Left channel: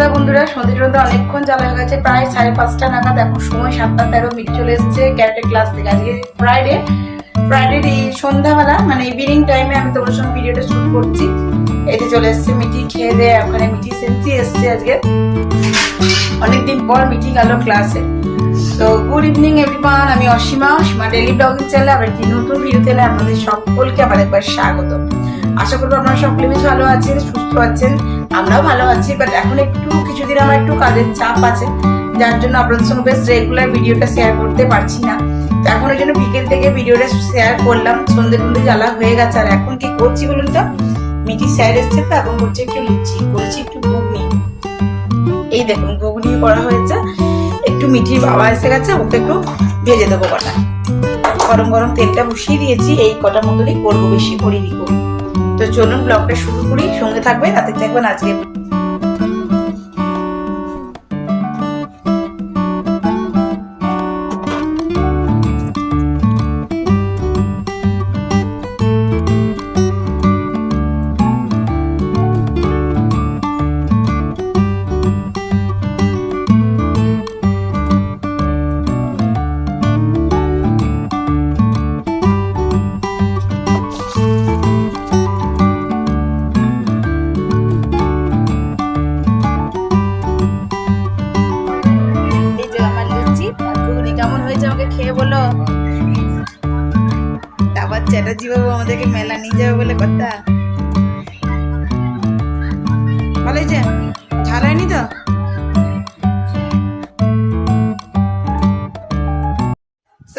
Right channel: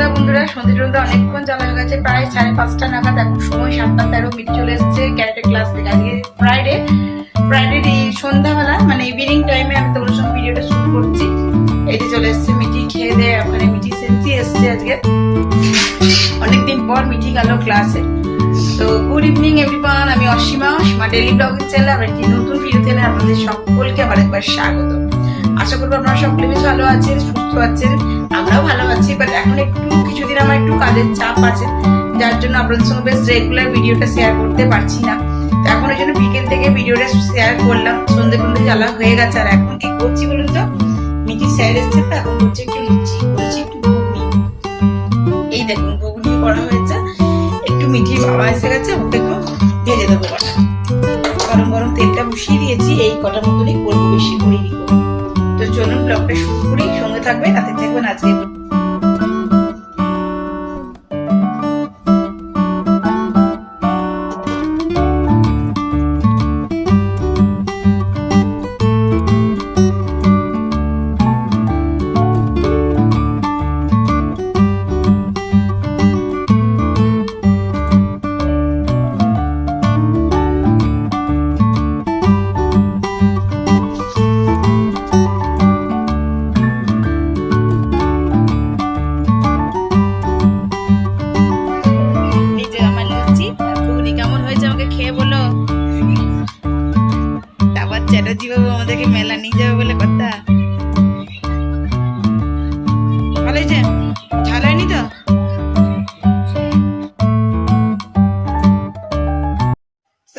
সন্ধ্যা বন্ধুরা, সন্ধ্যা অনেকক্ষণ জ্বালা হয়ে গেছে, প্রায় 5:30 নাগাদ। এখন সময় 7:13 চলে এসছে ক্যারেটের ক্লাস থেকে। আজকে ফ্রাইডে সন্ধ্যাবেলা মানে ইভিনিং টাইমে আমি তোমার সঙ্গে ভিডিওটা শুট করছি। এতে চলে এসছে মিটি, খেয়ে দেয় ওখানে মিটি সেন্সি এসছে আজকে, অনেকদিন পর মিটি গেল ক্লাসে। তো গুড ইভিনিং এভরিওয়ান, আমি অসীমা, অসীমা ডেইলি ব্লগিং চ্যানেলে আমরা একটি নতুন ভিডিও চ্যানেলে আপনাদের সকলকে আবার একবার স্বাগত। আশা করবো আপনারা সকলে বেশ ভালো আছেন, সুস্থ আছেন, আমরাও ভালো আছি। বাট এখন একটু কিছুদিন আমার একটু কাজের চাপ আছে, যার জন্য আপনাদের সঙ্গে বেশ রেগুলার ভিডিওটা শেয়ার করতে পারছি না। তো এখন ওই জন্য বিকেল থেকে ভিডিওটা শেয়ার করলাম। সন্ধ্যে জ্বালা হয়ে গেছে। আর এখন কি করছি বলুন তো, মিটি স্যার এসছে তো এখন হচ্ছে একটু লুচি করছি, একটু ঘুগনি। এই দেখুন ঘুগনি করা হয়েছে, একটু মিঠির বাবা এসে গেছে, ওকে একটু ভেজে দেবো কটা। গরম গরম তেলটা বসিয়ে দিয়েছি, এই কটার মতনই করবো, বেশি করিনি। তো চলুন ব্লগটা শুরু করি, সঙ্গে থাকবেন, তাতে দেখবেন আজকে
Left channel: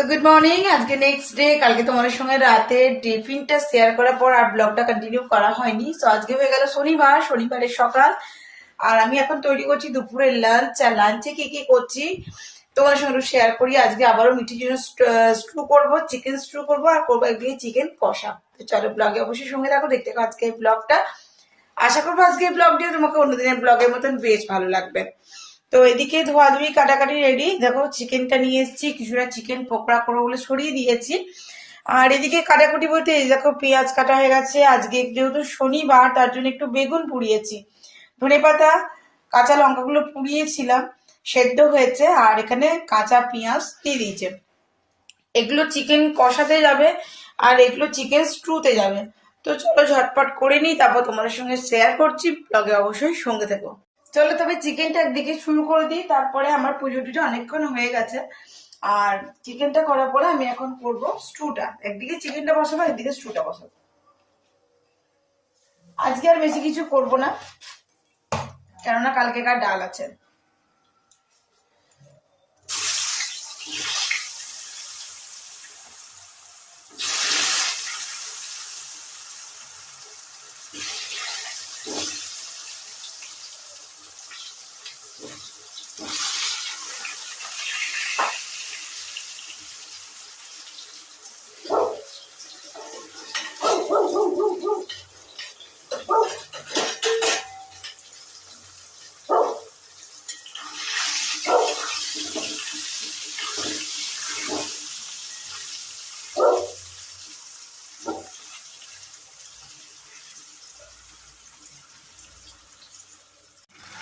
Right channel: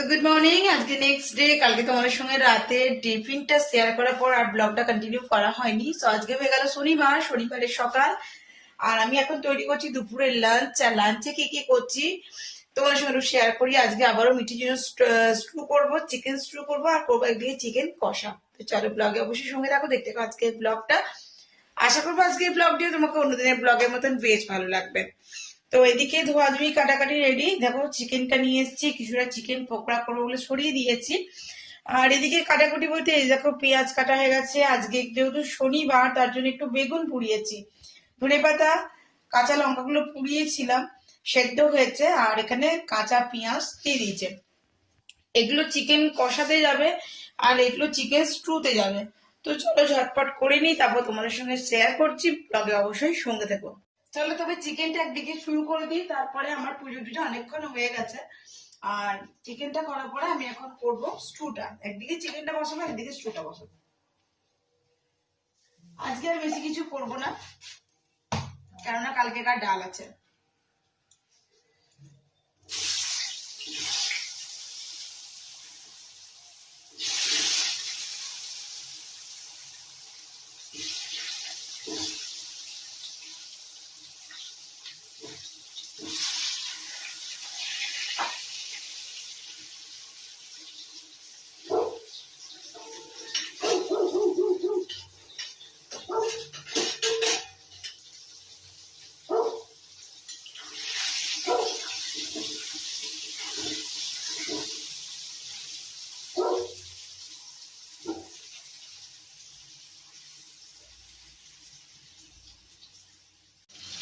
গুড মর্নিং। আজকে নেক্সট ডে। কালকে তোমাদের সঙ্গে রাতে টিফিনটা শেয়ার করার পর আর ব্লগটা কন্টিনিউ করা হয়নি। তো আজকে হয়ে গেল শনিবারের সকাল। আর আমি এখন তৈরি করছি দুপুরের লাঞ্চ। আর লাঞ্চে কি কি করছি তোমাদের সঙ্গে শেয়ার করি। আজকে আবারও মিঠির জন্য স্টু করবো, চিকেন স্টু করবো, আর করবো একদিকে চিকেন কষা। তো চলো ব্লগে অবশ্যই সঙ্গে থাকো, দেখতে থাকো আজকে ব্লগটা। আশা করবো আজকে ব্লগটিও তোমাকে অন্যদিনের ব্লগের মতন বেশ ভালো লাগবে। তো এদিকে ধোয়াধুয়ি কাটাকাটি রেডি। দেখো চিকেনটা নিয়ে এসেছি, কিছুটা চিকেন পকোড়া করবো বলে সরিয়ে দিয়েছি। আর এদিকে কাটাকুটি বলতে দেখো পেঁয়াজ কাটা হয়ে গেছে। আজকে যেহেতু শনিবার, তার জন্য একটু বেগুন পুড়িয়েছি, ধনেপাতা, কাঁচা লঙ্কাগুলো পুড়িয়েছিলাম, সেদ্ধ হয়েছে। আর এখানে কাঁচা পেঁয়াজ দিয়ে দিয়েছে। এগুলো চিকেন কষাতে যাবে আর এগুলো চিকেন স্টুতে যাবে। তো চলো ঝটপট করে নিই, তারপর তোমাদের সঙ্গে শেয়ার করছি, ব্লগে অবশ্যই সঙ্গে থেকো। চলো তবে চিকেনটা একদিকে শুরু করে দিই, তারপরে আমার পুজো টুজো অনেকক্ষণ হয়ে গেছে। আর চিকেনটা করার পরে আমি এখন করবো স্টুটা। একদিকে চিকেনটা বসাবো, একদিকে স্টুটা বসাবো। আজকে আর বেশি কিছু করব না, কেননা কালকেকার ডাল আছে।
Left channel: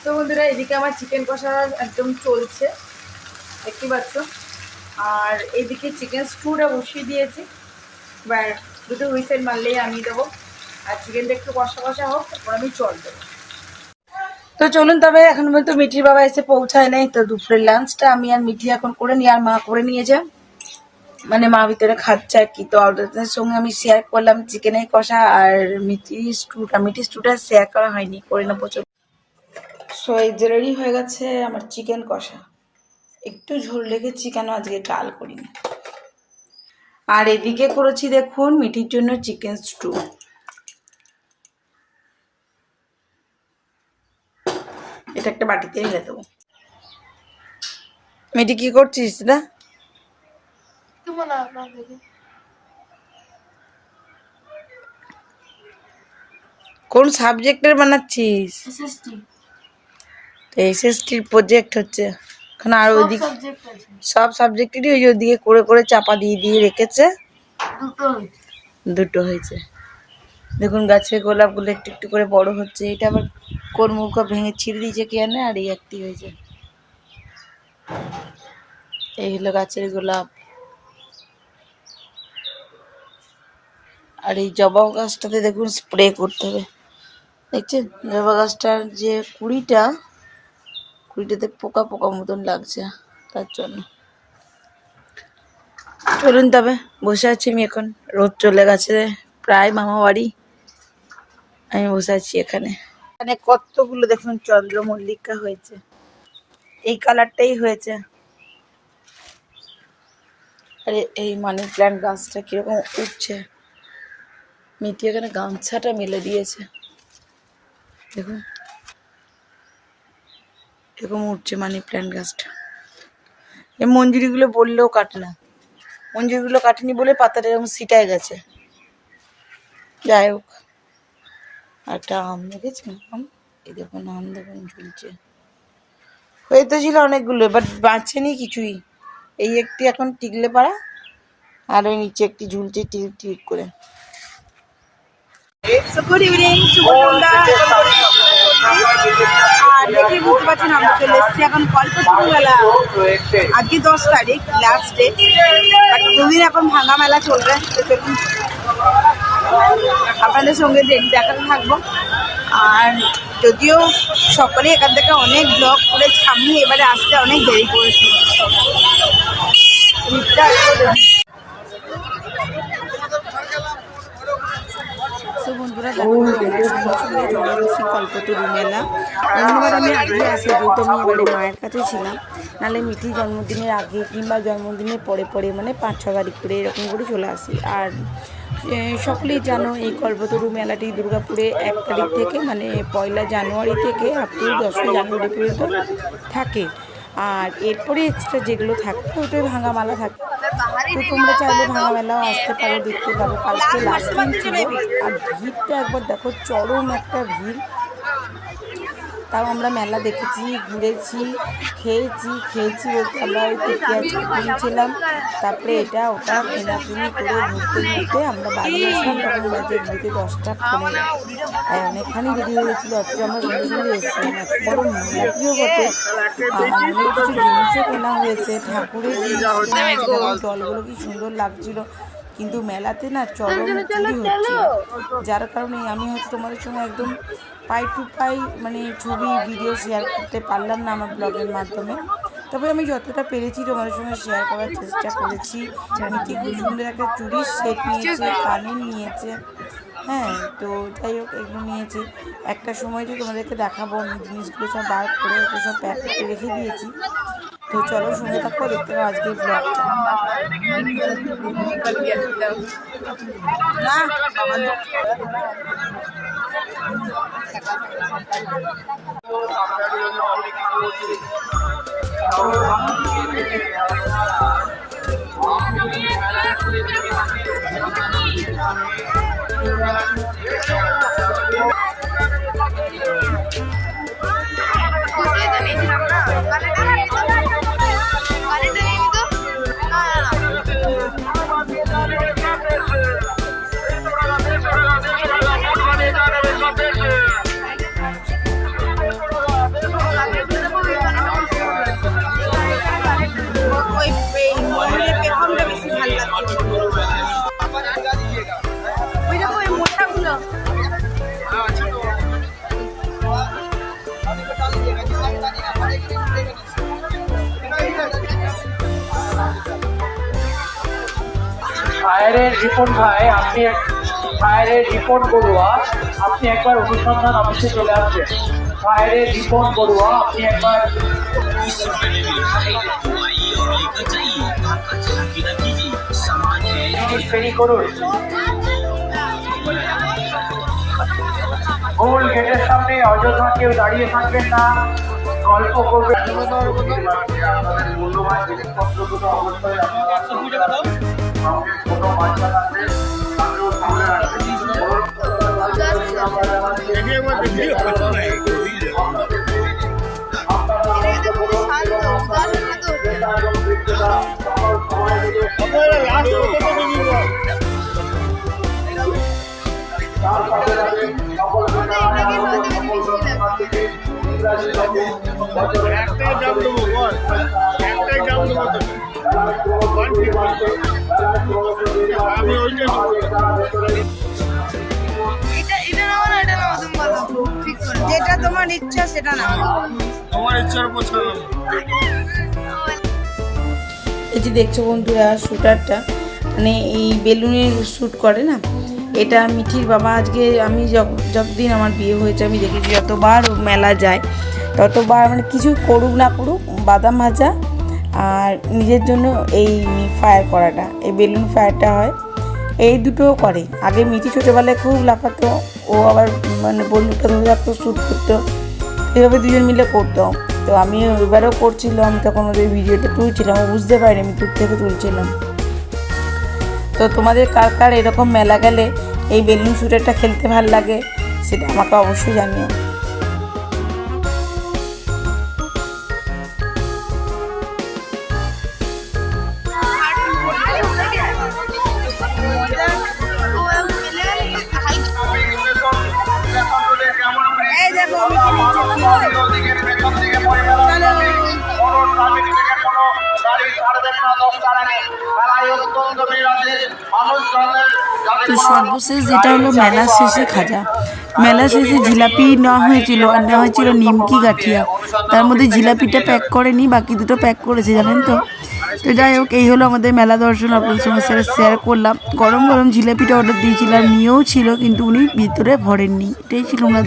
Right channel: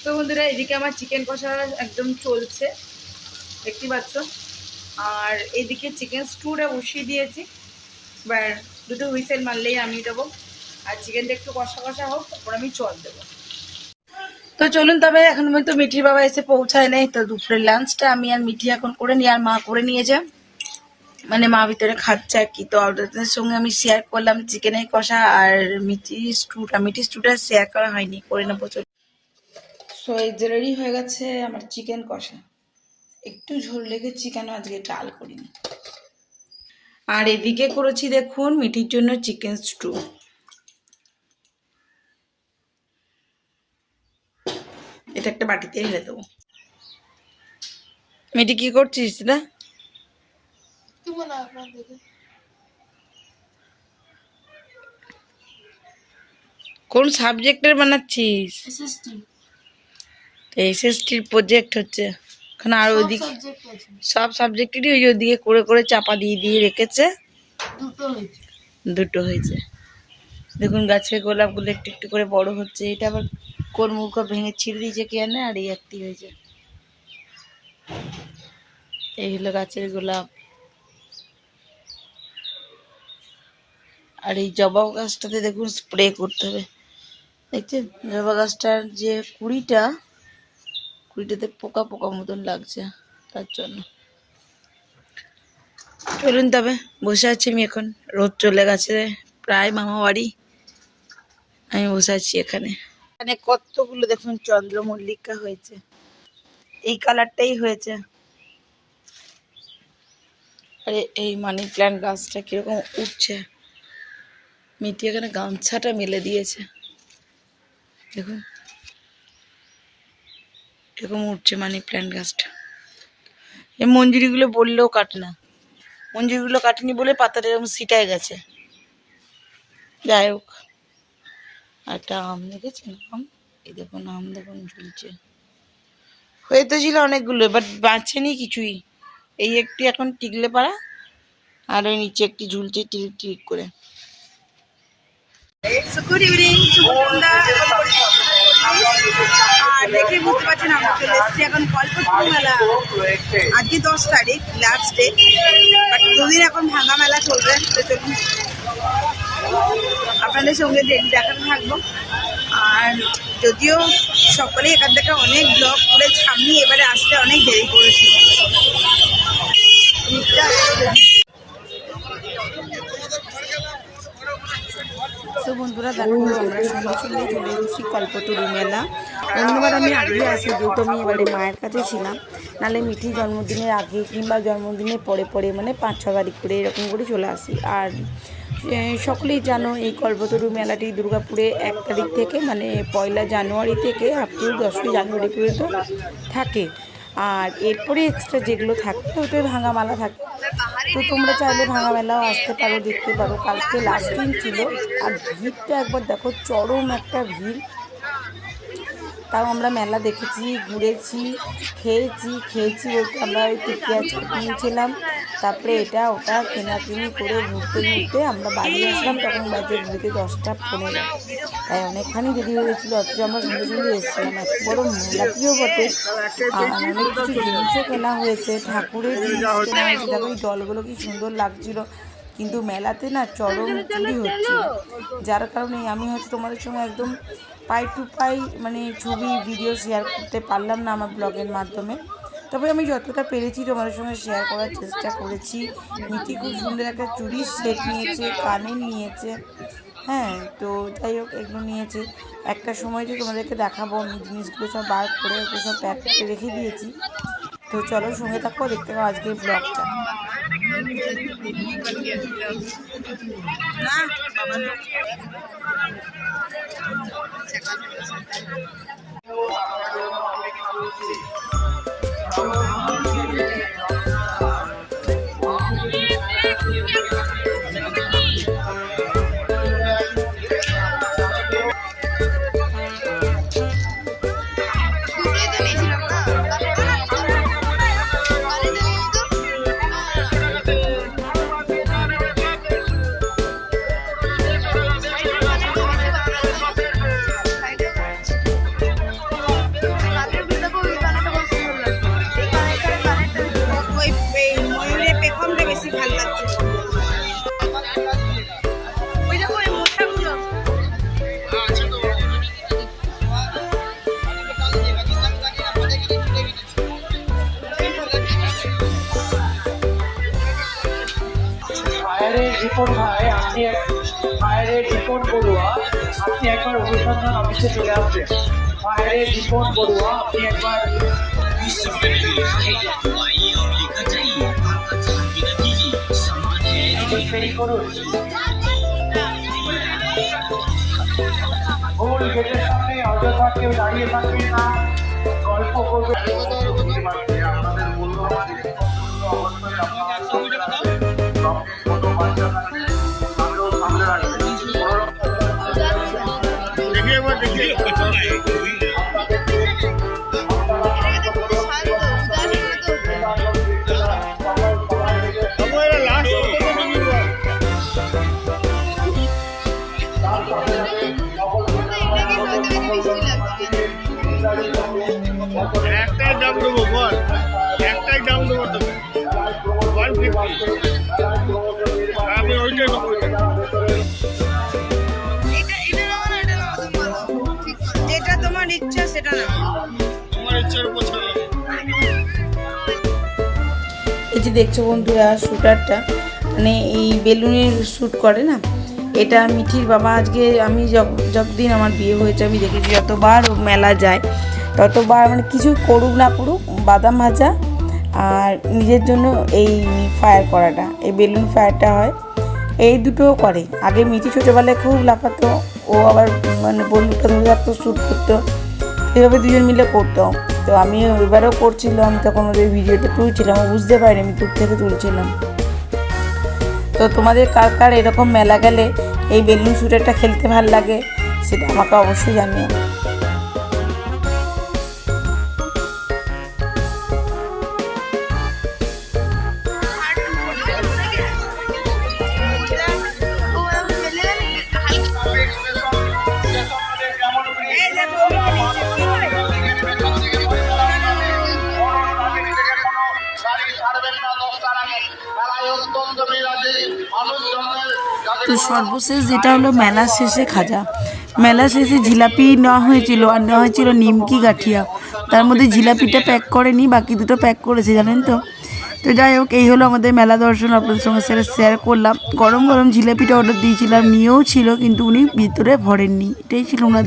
তো বন্ধুরা, এদিকে আমার চিকেন কষা একদম চলছে, দেখতে পাচ্ছ। আর এদিকে চিকেন স্টুটা বসিয়ে দিয়েছি, এবার দুটো হুইসেল মারলেই আমি দেবো। আর চিকেনটা একটু কষা কষা হোক, তারপর আমি জল দেবো। তো চলুন তবে, এখন তো মিঠির বাবা এসে পৌঁছায় নাই। তো দুপুরের লাঞ্চটা আমি আর মিঠি এখন করে নিই, আর মা করে নিয়েছে, মানে মা ভিতরে খাচ্ছে আর কি। তো আপনাদের সঙ্গে আমি শেয়ার করলাম চিকেনের কষা আর মিঠি স্টুটা শেয়ার করা হয়নি, করে নেবো। সো এই যে রেডি হয়ে গেছে আমার চিকেন কষা। একটু ঝোল রেখেছি, কেন আজকে ডাল করিনি। আর এদিকে করেছি দেখুন মিঠির জন্য চিকেন স্টু। এটা একটা বাটিতে ঢেলে দেবো। মিঠি কি করছিস না? কোন সাবজেক্টের বানাচ্ছিস? এসএসটির প্রজেক্ট হচ্ছে এখন। আর ওইদিকে সব সাবজেক্টেরই ওই ওদিকে করে করে চাপা দিয়ে দিয়ে রেখেছে, দুটো হয়েছে। দেখুন গাছের গোলাপগুলো একটু একটু করে বড় হচ্ছে। এটা আবার কোন মুখ ভেঙে ছিঁড়ে দিয়েছে কে জানে, আর এই একটি হয়েছে। এই হলো গাছের গোলাপ। আর এই জবা গাছটাতে দেখুন স্প্রে করতে হবে, দেখছেন জবা গাছটার যে কুড়িটাতে পোকা পোকা মতন লাগছে, তার জন্য। চলুন তবে, বসে আছি আমি এখন, রোদ চলে গেছে প্রায় মামা বাড়ি, আমি বসে আছি এখানে। এখানে কতগুলো দেখুন চন্দ্রমল্লিকা হয়েছে, এই কালারটাই হয়েছে। আরে এই মানি প্ল্যান্ট গাছটা কিরকম উঠছে, মিটি এখানে গামছাটা মেলে দিয়েছে, দেখুন এরকম উঠছে মানি প্ল্যান্ট গাছটা। এই মঞ্জুরিগুলো বললেও কাটে না, মঞ্জুরিগুলো কাটেনি বলে পাতাটা এরকম ছিটায় গেছে। যাই হোক, একটা আম দেখেছেন, আম এই দেখুন, আম দেখুন ঝুলছে, হয়ে তো ছিল অনেকগুলো, বাট বাঁচেনি কিছুই। এই একটি এখন টিকলে পারা, আর ওই নিচে একটি ঝুলছে টিক টিক করে। গুড ইভিনিং, শুভ সন্ধ্যা। আর দেখে বুঝতে পারছেন আমরা চলে এসেছি এখন কল্পতরু মেলা। আজকে 10 তারিখ, লাস্ট ডে, 2 দিন এখন ভাঙা মেলা চলবে। আপনাদের সঙ্গে দেখাতে থাকবো। আর যদিও সকলে এখান থেকে অনেক ব্লগ করে সামনে এবারে আসতে অনেক দেরি করেছি। তো বন্ধুরা দেখো, আমরা সঙ্গে সঙ্গে চলে এসেছি কল্পতরু মেলা। অন্যবার আমি আগেই আসি, যেহেতু আমি এবারে মায়ের কাছে ছিলাম, নাহলে মিঠি জন্মদিনের আগে কিংবা জন্মদিনের পরে পরে, মানে 5-6 তারিখ করে এরকম করে চলে আসি। আর সকলেই জানো এই কল্পতরু মেলাটি দুর্গাপুরে 1 তারিখ থেকে, মানে 1 জানুয়ারি থেকে আপ টু 10 জানুয়ারি পর্যন্ত থাকে। আর এরপরে এক্সট্রা যেগুলো থাকে ওটাই ভাঙা মেলা থাকে। তো তোমরা চাইলে ভাঙা মেলাও আসতে পারো, দেখতে পারো। কালকে লাস্ট দিন ছিল, আর ভিড়টা একবার দেখো, চরম একটা ভিড়। তাও আমরা মেলা দেখেছি, ঘুরেছি, খেয়েছি বলতে আমরা ওই টিকিয়া চাট নিয়েছিলাম, তারপরে এটা ওটা কেনাকিনি করে ঘুরতে ঘুরতে আমরা বাড়ি আসলাম, তখন বাজে ঘুরতে 10টা 15। তাই অনেকখানি দেরি হয়ে গেছিলো, অথচ আমরা সন্ধ্যে সন্ধ্যে এসেছিলাম। এত বড় মেলাটিও বটে, আর অনেক কিছু জিনিসও কেনা হয়েছে, ঠাকুরের জিনিস কেনা হয়েছে। দেখো জলগুলো কি সুন্দর লাগছিল, কিন্তু মেলাতে না চরম চুরি হচ্ছিল, যার কারণে আমি হয়তো তোমাদের সঙ্গে একদম পাই টু পাই মানে ছবি ভিডিও শেয়ার করতে পারলাম না আমার ব্লগের মাধ্যমে। তবে আমি যতটা পেরেছি তোমাদের সঙ্গে শেয়ার করার চেষ্টা করেছি। মিটি খুব সুন্দর একটা চুড়ির সেট নিয়েছে, কানের নিয়েছে, হ্যাঁ। তো যাই হোক, এগুলো নিয়েছে। একটা সময় যে তোমাদেরকে দেখাবো, আমি জিনিসগুলো সব বার করে ওকে সব প্যাক করে রেখে দিয়েছি। তো চলো সঙ্গে থাকো, দেখতে পাবো আজকের ব্লগটা। রিপন ভাই, আপনি ফায়ারের রিপন বড়ুয়া, আপনি একবার অনুসন্ধান অফিসে চলে আসবেন। ফায়ারের রিপন বড়ুয়া, আপনি একবার ফেরি করুন। গোল গেটের সামনে অযথা কেউ দাঁড়িয়ে থাকবেন না, গল্প করবেন। আপনাদের মূল্যবান জিনিসপত্রগুলো অবশ্যই আপনারা যে দেখছো বন্ধুরা শ্যুটারটা, মানে এই বেলুনের শ্যুট করে না, এটা মিঠির বাবা আজকে আমি যতদিন আমার বিয়ে হয়েছে আমি দেখেছি যতবার মেলা যায় ততবার মানে কিছু করুক না করুক বাদাম ভাজা আর নিজের জন্য এই ফায়ার করাটা, এই বেলুন ফায়ারটা হয়, এই দুটোও করে। আগে মিঠি ছোটোবেলায় খুব লাফাতো, ও আবার মানে বন্দুকটা ধরে রাখতো, শ্যুট করতো, এইভাবে দুজন মিলে করতো। তো আমি এবারেও করছিলাম, তখন ওদের ভিডিওটা তুলছিলাম, ও বুঝতে পারিনি আমি দূর থেকে তুলছিলাম। তো তোমাদের কার কার এরকম মেলা গেলে এই বেলুন শ্যুটারটা খেলতে ভালো লাগে সেটা আমাকে অবশ্যই জানিও। তো সর্বশেষ যেটা হলো মেলা শেষে খাজা, মেলা শেষে জিলাপি নেওয়া হয়েছিল আর নেওয়া হয়েছিল নিমকি গাঠিয়া, তার মধ্যে জিলাপিটা প্যাক করেনি, বাকি দুটো প্যাক করেছে জানেন তো। তো যাই হোক, এই হলো আমাদের মেলা দর্শন, আপনাদের সঙ্গে শেয়ার করলাম। গরম গরম জিলাপিটা অর্ডার দিয়েছিলাম, নিয়েও ছিল কিন্তু উনি ভিতরে ভরেননি, এটাই ছিল ওনার